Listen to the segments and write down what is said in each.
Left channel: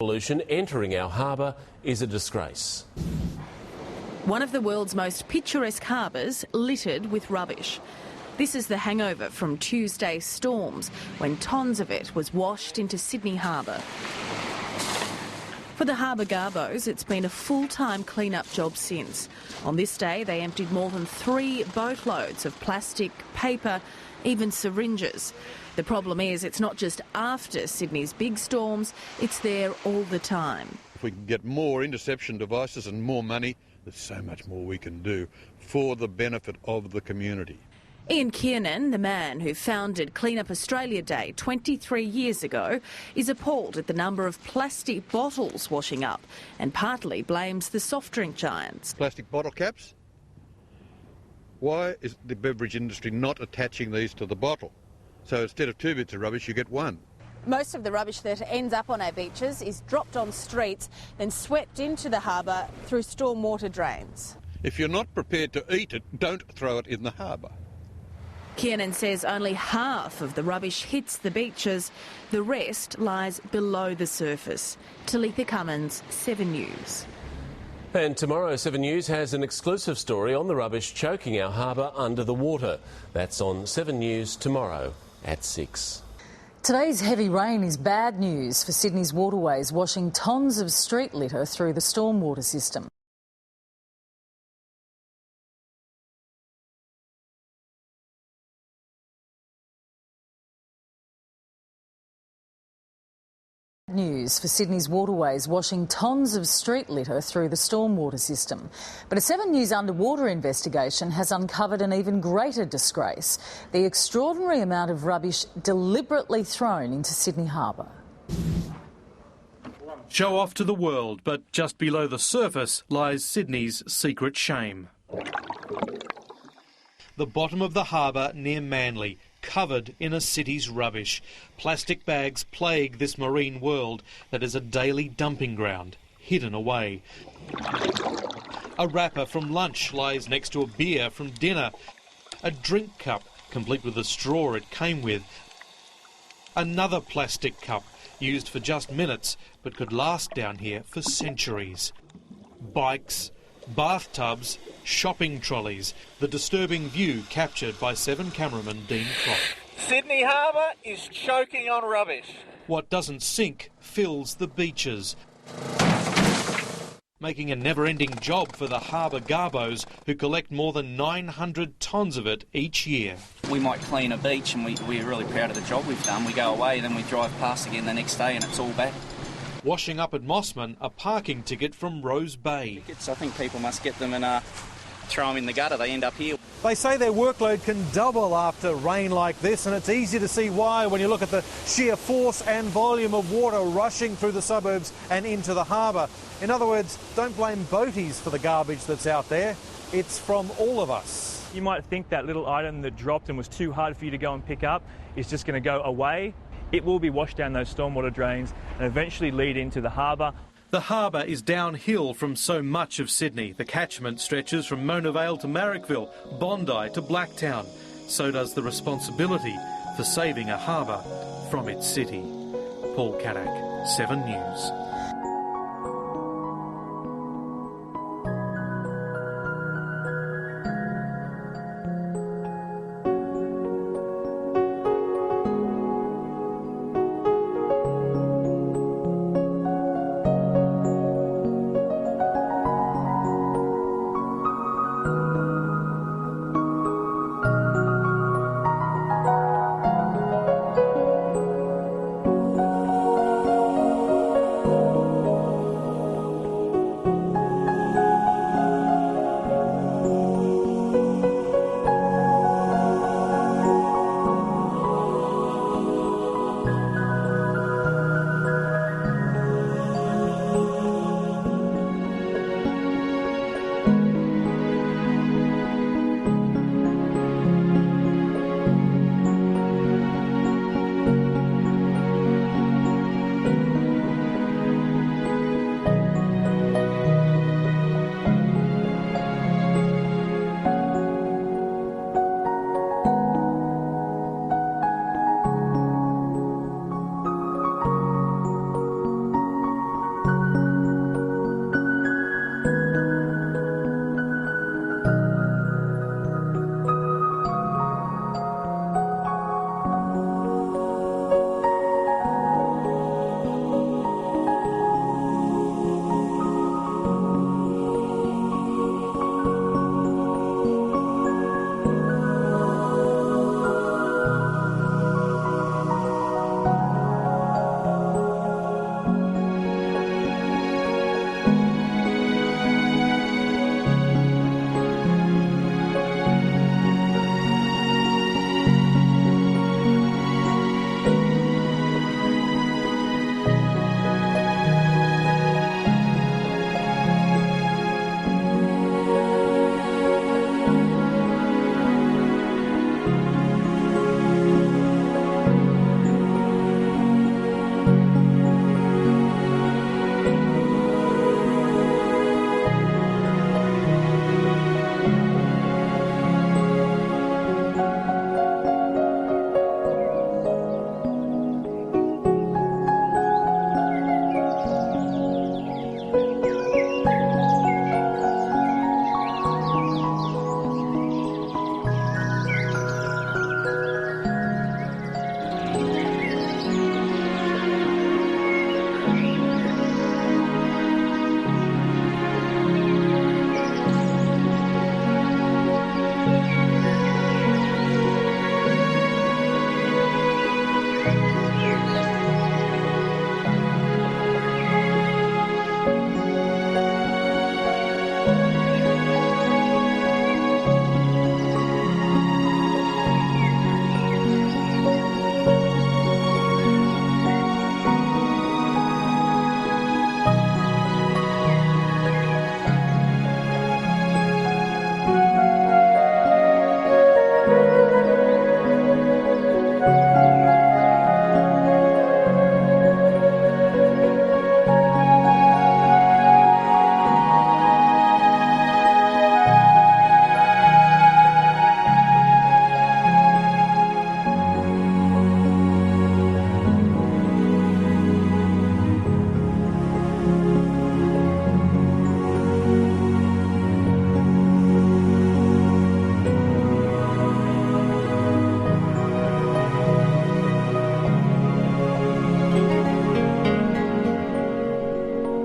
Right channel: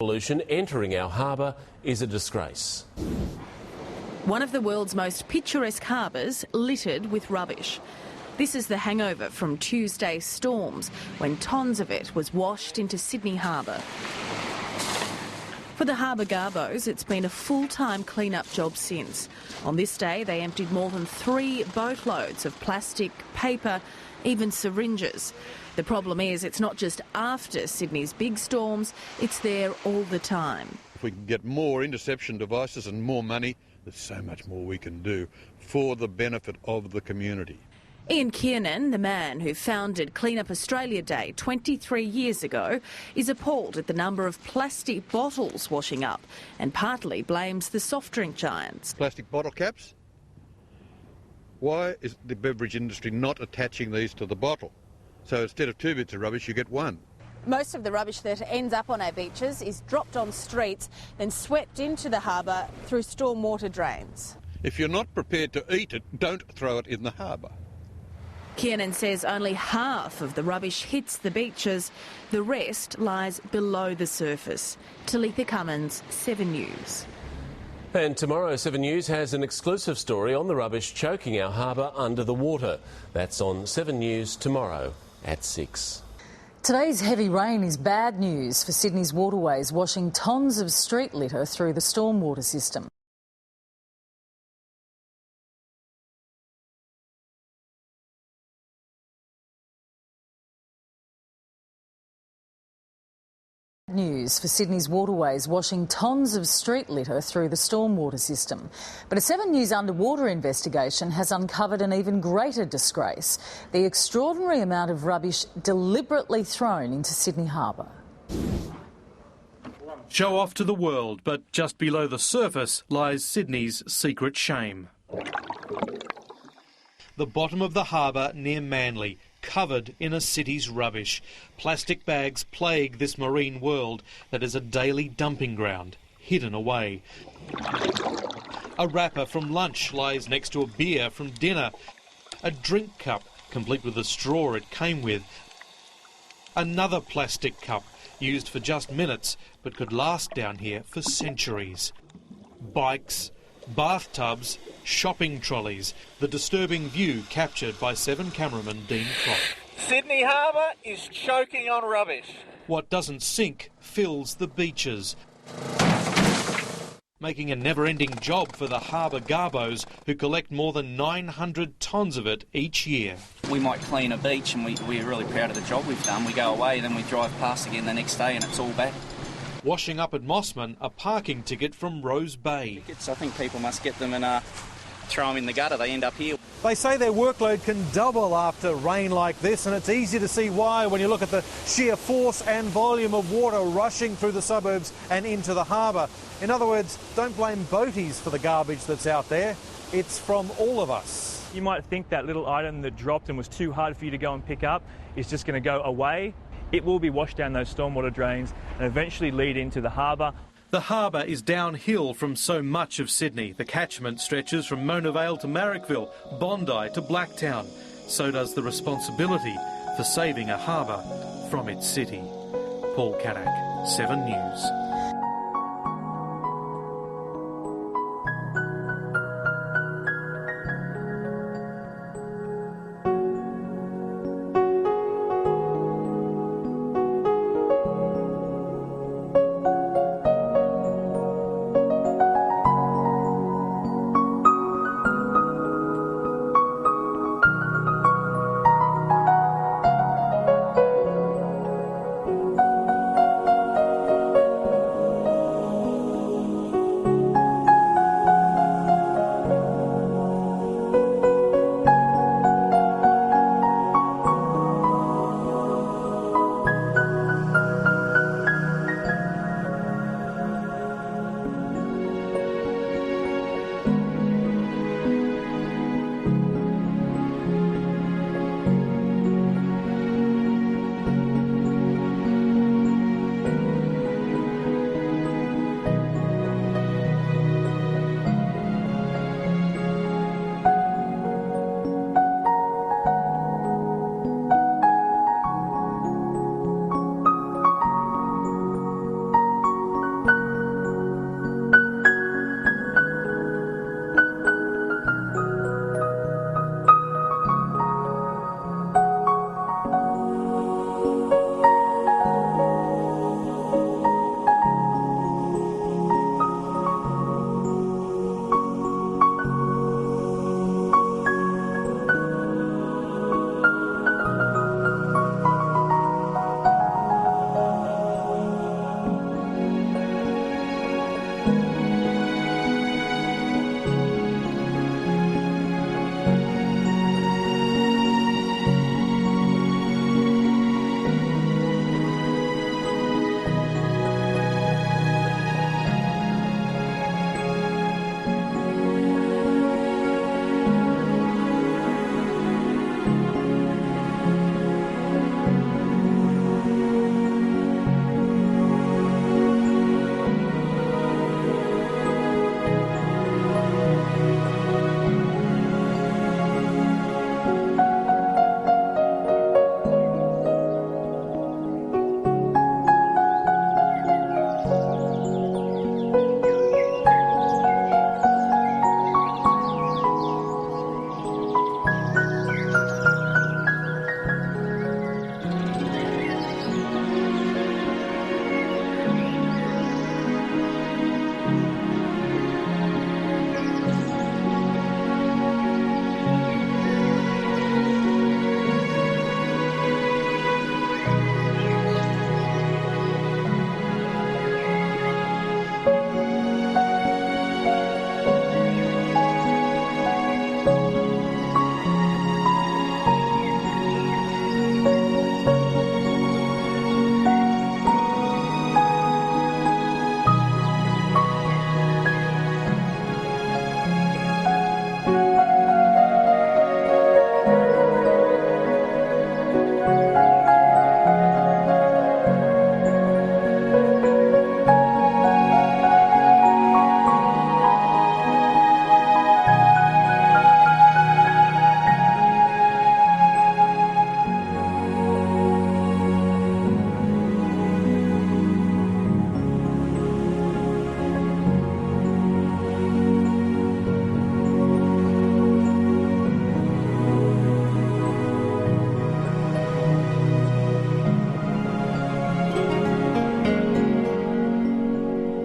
Pollution entering our harbour is a disgrace. One of the world's most picturesque harbours littered with rubbish. This is the hangover from Tuesday's storms, when tons of it was washed into Sydney Harbour. For the Harbour Garbos, it's been a full-time clean-up job since. On this day, they emptied more than 3 boatloads of plastic, paper, even syringes. The problem is it's not just after Sydney's big storms, it's there all the time. If we can get more interception devices and more money, there's so much more we can do for the benefit of the community. Ian Kiernan, the man who founded Clean Up Australia Day 23 years ago, is appalled at the number of plastic bottles washing up and partly blames the soft drink giants. Plastic bottle caps? Why is the beverage industry not attaching these to the bottle? So instead of 2 bits of rubbish, you get 1. Most of the rubbish that ends up on our beaches is dropped on streets, then swept into the harbour through stormwater drains. If you're not prepared to eat it, don't throw it in the harbour. Kiernan says only half of the rubbish hits the beaches. The rest lies below the surface. Talitha Cummins, 7 News. And tomorrow, 7 News has an exclusive story on the rubbish choking our harbour under the water. That's on 7 News tomorrow at 6. Today's heavy rain is bad news for Sydney's waterways, washing tonnes of street litter through the stormwater system. News for Sydney's waterways, washing tonnes of street litter through the stormwater system. But a 7 News underwater investigation has uncovered an even greater disgrace: the extraordinary amount of rubbish deliberately thrown into Sydney Harbour. Show off to the world, but just below the surface lies Sydney's secret shame. The bottom of the harbour near Manly, covered in a city's rubbish. Plastic bags plague this marine world that is a daily dumping ground, hidden away. A wrapper from lunch lies next to a beer from dinner. A drink cup, complete with the straw it came with. Another plastic cup, used for just minutes, but could last down here for centuries. Bikes, bathtubs, shopping trolleys, the disturbing view captured by 7 cameraman Dean Klopp. Sydney Harbour is choking on rubbish. What doesn't sink fills the beaches, making a never-ending job for the Harbour Garbos, who collect more than 900 tonnes of it each year. We might clean a beach and we're really proud of the job we've done. We go away, then we drive past again the next day and it's all back. Washing up at Mossman, a parking ticket from Rose Bay. I think people must get them and throw them in the gutter. They end up here. They say their workload can double after rain like this, and it's easy to see why when you look at the sheer force and volume of water rushing through the suburbs and into the harbour. In other words, don't blame boaties for the garbage that's out there. It's from all of us. You might think that little item that dropped and was too hard for you to go and pick up is just going to go away. It will be washed down those stormwater drains and eventually lead into the harbour. The harbour is downhill from so much of Sydney. The catchment stretches from Mona Vale to Marrickville, Bondi to Blacktown. So does the responsibility for saving a harbour from its city. Paul Caddick, 7 News.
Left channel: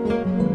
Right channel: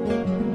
News.